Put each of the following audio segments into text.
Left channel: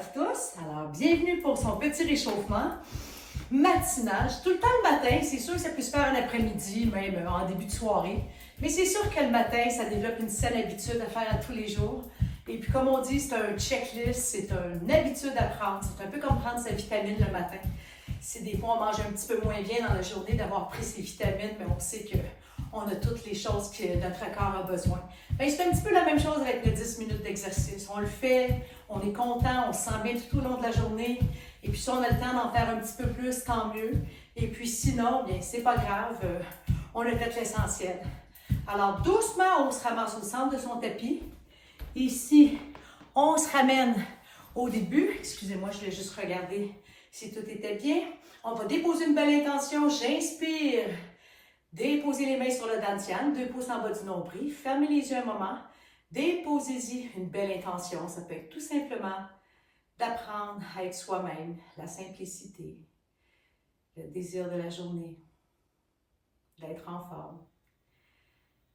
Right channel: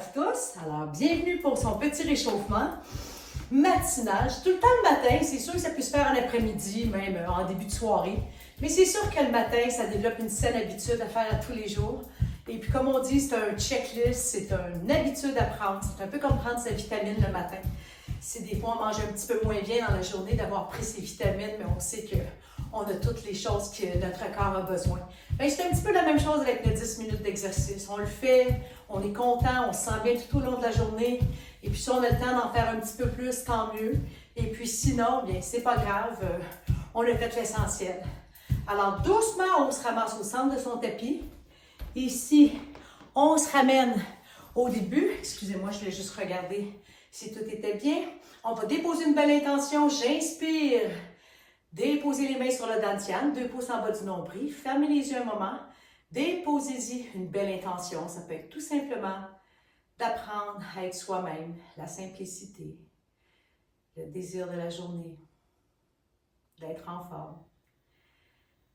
à tous. Alors, bienvenue pour son petit réchauffement matinal. Tout le temps le matin, c'est sûr que ça peut se faire en après-midi, même en début de soirée. Mais c'est sûr que le matin, ça développe une saine habitude à faire tous les jours. Et puis, comme on dit, c'est un checklist, c'est une habitude à prendre. C'est un peu comme prendre sa vitamine le matin. Si des fois on mange un petit peu moins bien dans la journée d'avoir pris ses vitamines, mais on sait qu'on a toutes les choses que notre corps a besoin. Bien, c'est un petit peu la même chose avec nos 10 minutes d'exercice. On le fait, on est content, on se sent bien tout au long de la journée. Et puis si on a le temps d'en faire un petit peu plus, tant mieux. Et puis sinon, bien, c'est pas grave, on a fait l'essentiel. Alors doucement, on se ramasse au centre de son tapis. Ici, on se ramène au début. Excusez-moi, je vais juste regarder si tout était bien. On va déposer une belle intention. J'inspire. Déposez les mains sur le dantian, 2 pouces en bas du nombril. Fermez les yeux un moment. Déposez-y une belle intention. Ça peut être tout simplement d'apprendre à être soi-même, la simplicité, le désir de la journée, d'être en forme.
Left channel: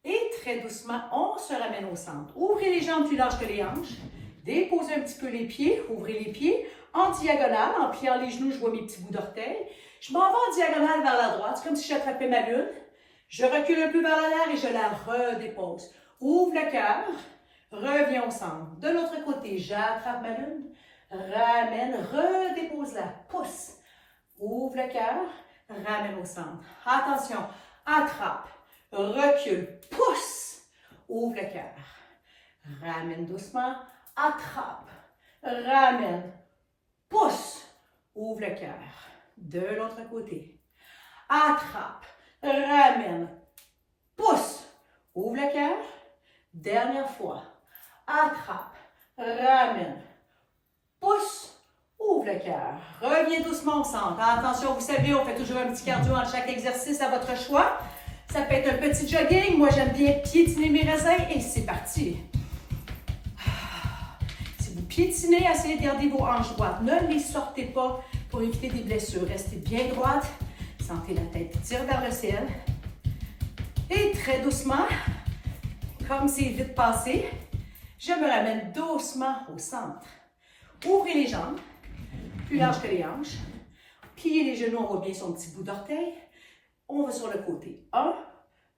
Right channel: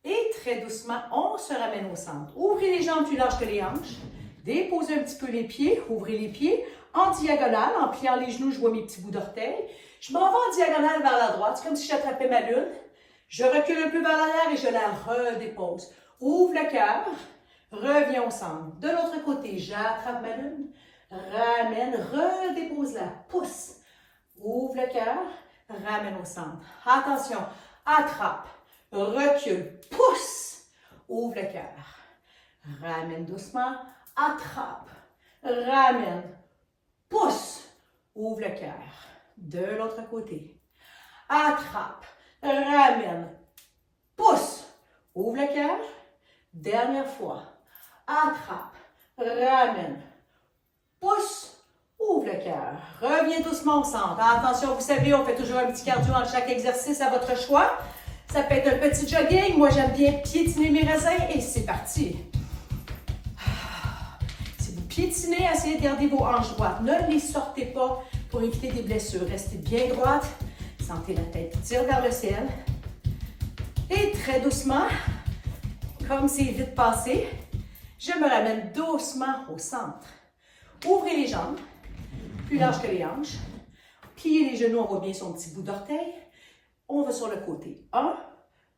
Et très doucement, on se ramène au centre. Ouvrez les jambes plus larges que les hanches. Déposez un petit peu les pieds. Ouvrez les pieds en diagonale. En pliant les genoux, je vois mes petits bouts d'orteils. Je m'en vais en diagonale vers la droite. C'est comme si j'attrapais ma lune. Je recule un peu vers l'arrière et je la redépose. Ouvre le cœur. Reviens au centre. De l'autre côté, j'attrape ma lune. Ramène. Redépose-la. Pousse. Ouvre le cœur. Ramène au centre. Attention. Attrape. Recule, pousse, ouvre le cœur, ramène doucement, attrape, ramène, pousse, ouvre le cœur. De l'autre côté, attrape, ramène, pousse, ouvre le cœur. Dernière fois, attrape, ramène, pousse, ouvre le cœur. Reviens doucement au centre. Attention, vous savez, on fait toujours un petit cardio entre chaque exercice à votre choix. Ça peut être un petit jogging. Moi, j'aime bien piétiner mes raisins et c'est parti. Si vous piétinez, essayez de garder vos hanches droites. Ne les sortez pas pour éviter des blessures. Restez bien droite. Sentez la tête qui tire vers le ciel. Et très doucement, comme c'est vite passé, je me ramène doucement au centre. Ouvrez les jambes, plus larges que les hanches. Pliez les genoux, on voit bien son petit bout d'orteil. On va sur le côté. 1,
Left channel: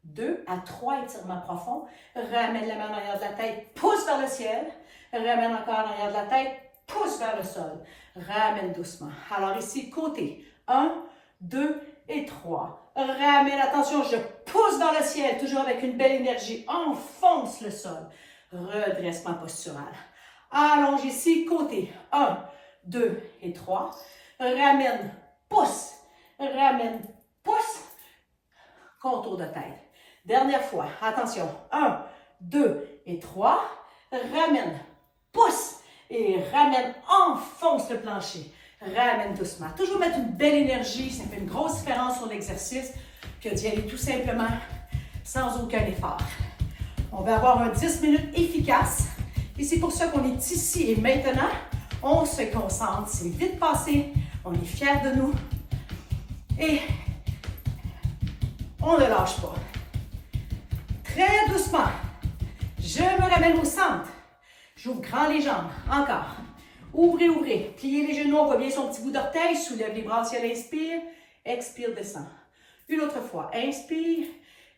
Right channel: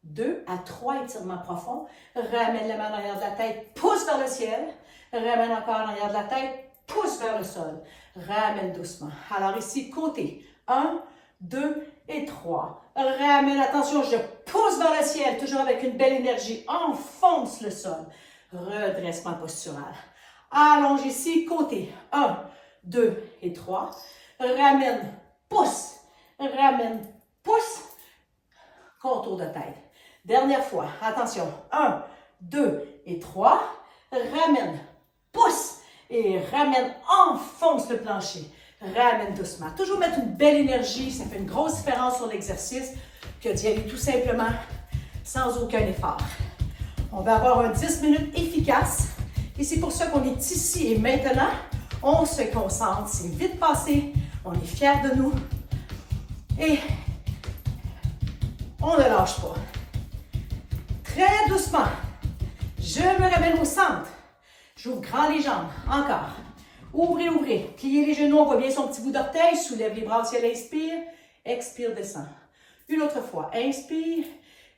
2 à 3 étirements profonds. Ramène la main en arrière de la tête, pousse vers le ciel. Ramène encore en arrière de la tête, pousse vers le sol. Ramène doucement. Alors ici, côté. 1, 2 et 3. Ramène, attention, je pousse vers le ciel, toujours avec une belle énergie. Enfonce le sol. Redressement postural. Allonge ici, côté. 1, 2 et 3. Ramène, pousse. Ramène, pousse. Contour de tête. Dernière fois. Attention. 1, 2 et 3. Ramène. Pousse. Et ramène. Enfonce le plancher. Ramène doucement. Toujours mettre une belle énergie. Ça fait une grosse différence sur l'exercice que d'y aller tout simplement sans aucun effort. On va avoir un 10 minutes efficace. Et c'est pour ça qu'on est ici et maintenant. On se concentre. C'est vite passé. On est fiers de nous. Et on ne lâche pas. Très doucement. Je me ramène au centre. J'ouvre grand les jambes. Encore. Ouvrez, ouvrez. Pliez les genoux. On voit bien son petit bout d'orteil. Soulève les bras au ciel. Inspire. Expire, descend. Une autre fois. Inspire.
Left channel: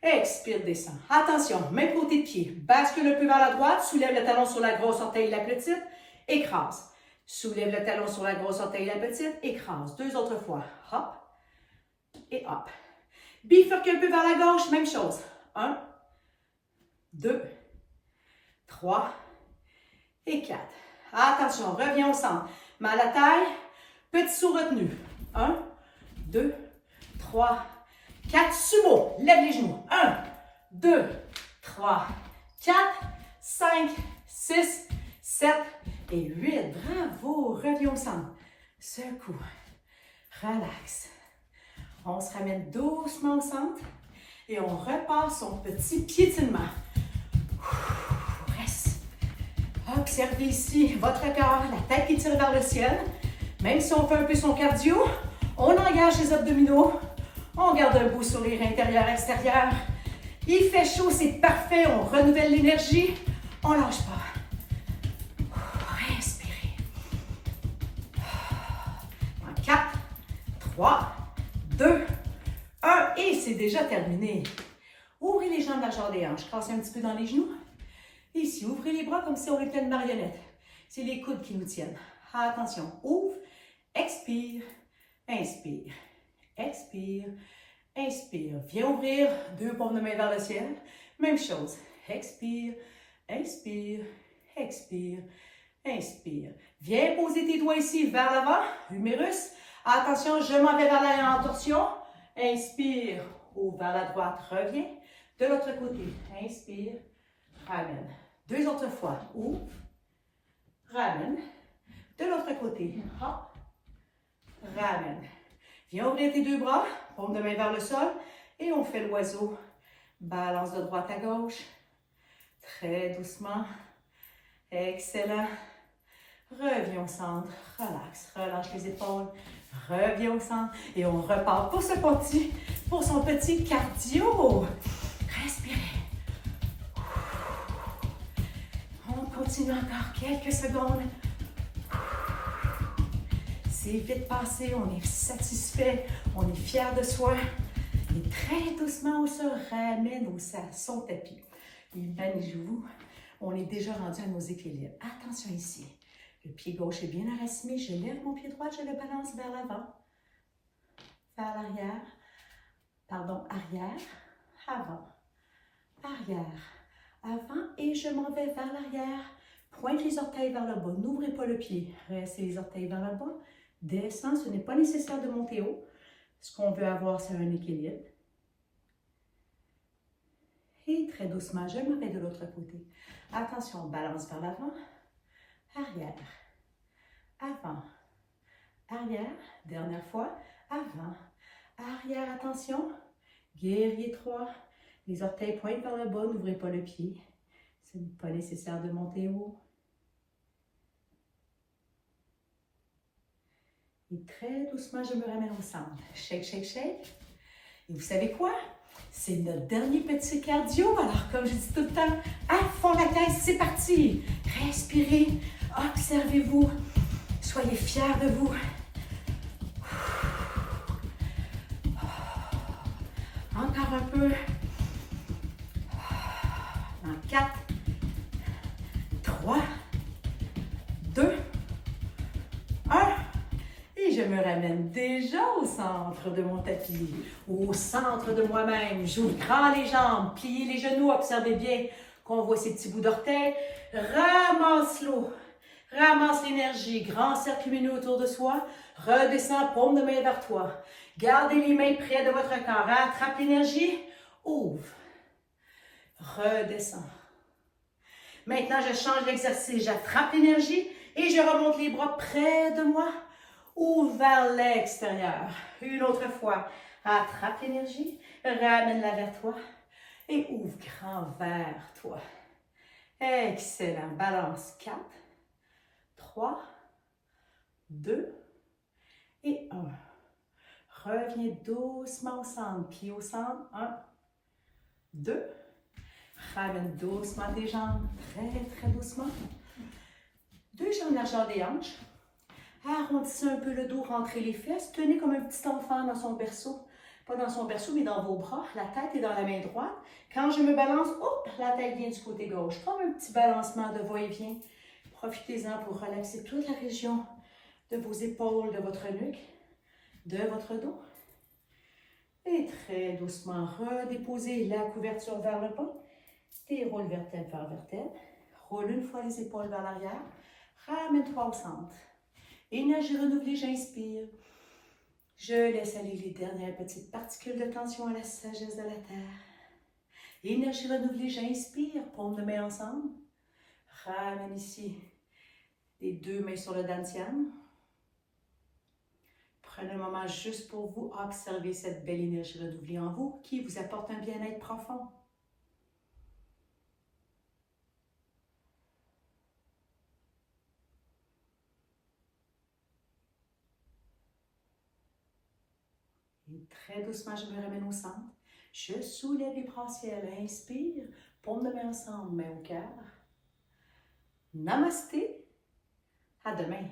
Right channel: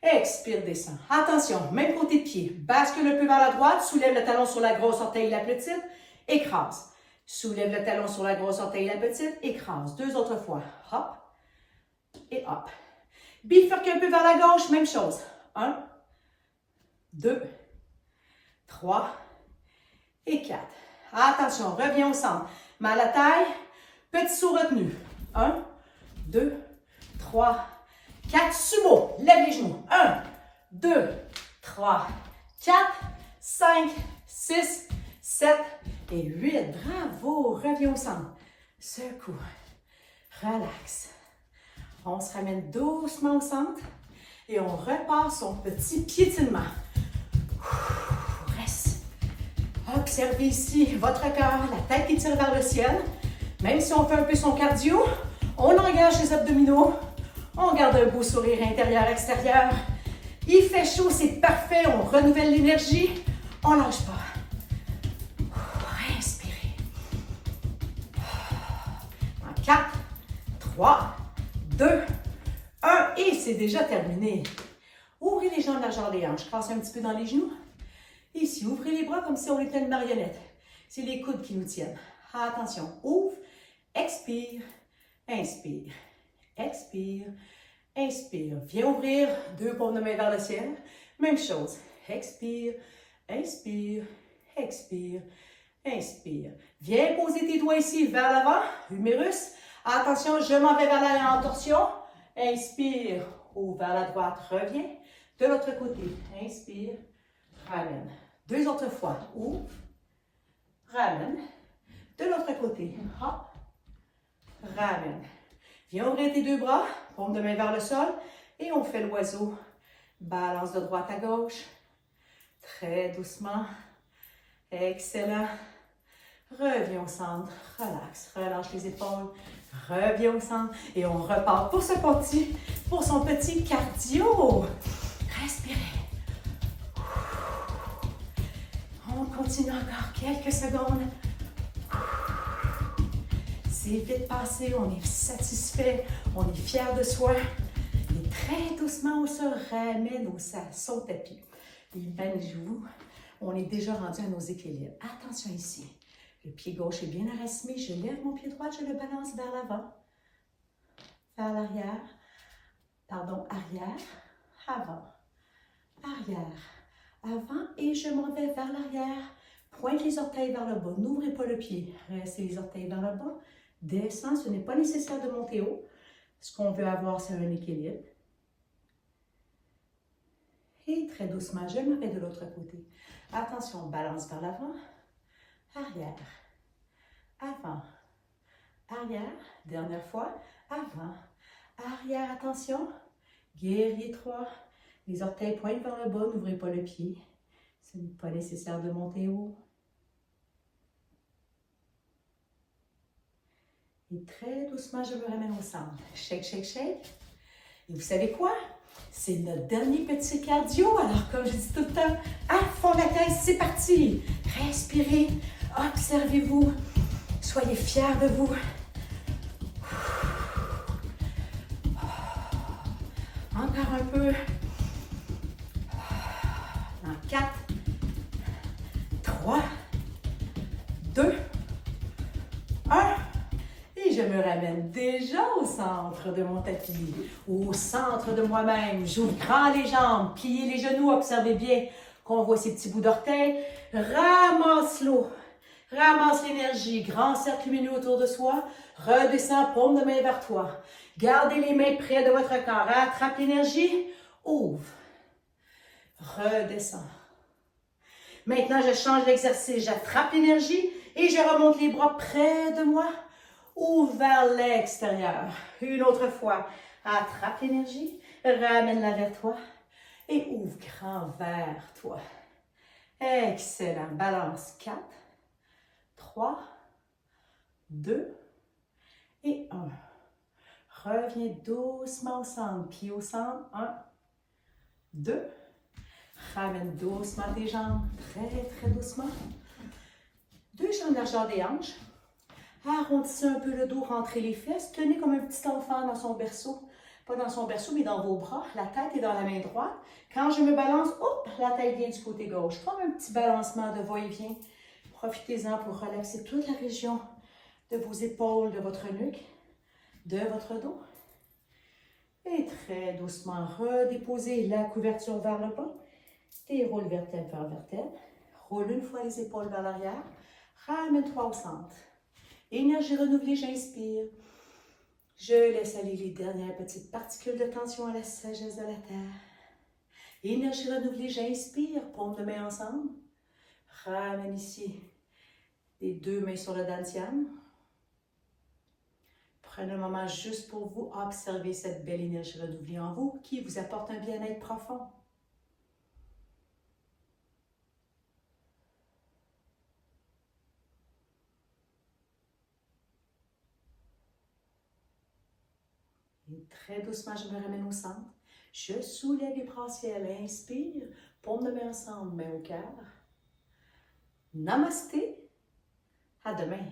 Expire, descend. Attention. Même côté de pied. Bascule un peu vers la droite. Soulève le talon sur la grosse orteil et la petite. Écrase. Soulève le talon sur la grosse orteil et la petite. Écrase. 2 autres fois. Hop. Et hop. Bifurque un peu vers la gauche, même chose. 1, 2, 3 et 4. Attention, reviens au centre. Mal à la taille, petit saut retenu. 1, 2, 3, 4. Sumo, lève les genoux. 1, 2, 3, 4, 5, 6, 7 et 8. Bravo, reviens au centre. Secoue, relax. On se ramène doucement au centre et on repart son petit piétinement. Reste. Observez ici votre cœur, la tête qui tire vers le ciel. Même si on fait un peu son cardio, on engage les abdominaux. On garde un beau sourire intérieur-extérieur. Il fait chaud, c'est parfait. On renouvelle l'énergie. On lâche pas. Respirez. 3, 2, 1 et c'est déjà terminé. Ouvrez les jambes largeur des hanches, cassez un petit peu dans les genoux. Ici, ouvrez les bras comme si on était une marionnette. C'est les coudes qui nous tiennent. Attention, ouvre, expire, inspire, expire, inspire. Viens ouvrir, deux paumes de main vers le ciel. Même chose, expire, inspire, expire, inspire. Viens poser tes doigts ici vers l'avant, humérus. Attention, je m'en vais vers l'arrière en torsion. Inspire, ouvre vers la droite, reviens. De l'autre côté, inspire, ramène. Deux autres fois, ouvre, ramène. De l'autre côté, hop, ramène. Viens ouvrir tes deux bras, paume de main vers le sol et on fait l'oiseau. Balance de droite à gauche, très doucement. Excellent. Reviens au centre, relax, relâche les épaules, reviens au centre et on repart pour son petit cardio. Respirez. On continue encore quelques secondes. C'est vite passé, on est satisfait, on est fier de soi. Et très doucement, on se ramène son tapis. Imaginez-vous, on est déjà rendu à nos équilibres. Attention ici. Le pied gauche est bien enraciné. Je lève mon pied droit, je le balance vers l'avant, vers l'arrière. Pardon, arrière, avant, arrière, avant et je m'en vais vers l'arrière. Pointe les orteils vers le bas. N'ouvrez pas le pied. Restez les orteils vers le bas. Descends. Ce n'est pas nécessaire de monter haut. Ce qu'on veut avoir, c'est un équilibre. Et très doucement, je m'en vais de l'autre côté. Attention, balance vers l'avant. Arrière, avant, arrière, dernière fois, avant, arrière, attention, guerrier 3, les orteils pointent vers le bas, n'ouvrez pas le pied, ce n'est pas nécessaire de monter haut. Et très doucement, je me ramène au centre, shake, shake, shake, et vous savez quoi? C'est notre dernier petit cardio, alors comme je dis tout le temps, à fond la tête, c'est parti! Respirez, observez-vous, soyez fiers de vous. Encore un peu. En 4, 3, 2, 1. Et je me ramène déjà au centre de mon tapis, au centre de moi-même. J'ouvre grand les jambes, pliez les genoux, observez bien qu'on voit ces petits bouts d'orteils. Ramasse l'eau, ramasse l'énergie, grand cercle lumineux autour de soi. Redescends, paume de main vers toi. Gardez les mains près de votre corps. Attrape l'énergie, ouvre, redescends. Maintenant, je change l'exercice. J'attrape l'énergie et je remonte les bras près de moi. Ouvre vers l'extérieur. Une autre fois. Attrape l'énergie, ramène-la vers toi et ouvre grand vers toi. Excellent. Balance 4, 3, 2 et 1. Reviens doucement au centre. Pied au centre. 1, 2. Ramène doucement tes jambes. Très, très doucement. Deux jambes largeur des hanches. Arrondissez un peu le dos, rentrez les fesses. Tenez comme un petit enfant dans son berceau. Pas dans son berceau, mais dans vos bras. La tête est dans la main droite. Quand je me balance, hop, la tête vient du côté gauche. Comme un petit balancement de va-et-vient. Profitez-en pour relaxer toute la région de vos épaules, de votre nuque, de votre dos. Et très doucement, redéposez la couverture vers le bas. Déroule vertèbre vers vertèbre. Roule une fois les épaules vers l'arrière. Ramène-toi au centre. Énergie renouvelée, j'inspire. Je laisse aller les dernières petites particules de tension à la sagesse de la terre. Énergie renouvelée, j'inspire. Paume de main ensemble. Ramène ici les deux mains sur le dantian. Prenez un moment juste pour vous observer cette belle énergie renouvelée en vous qui vous apporte un bien-être profond. Et très doucement, je me ramène au centre. Je soulève les bras au ciel. Inspire. Paume de main ensemble, main au cœur. Namasté. À demain.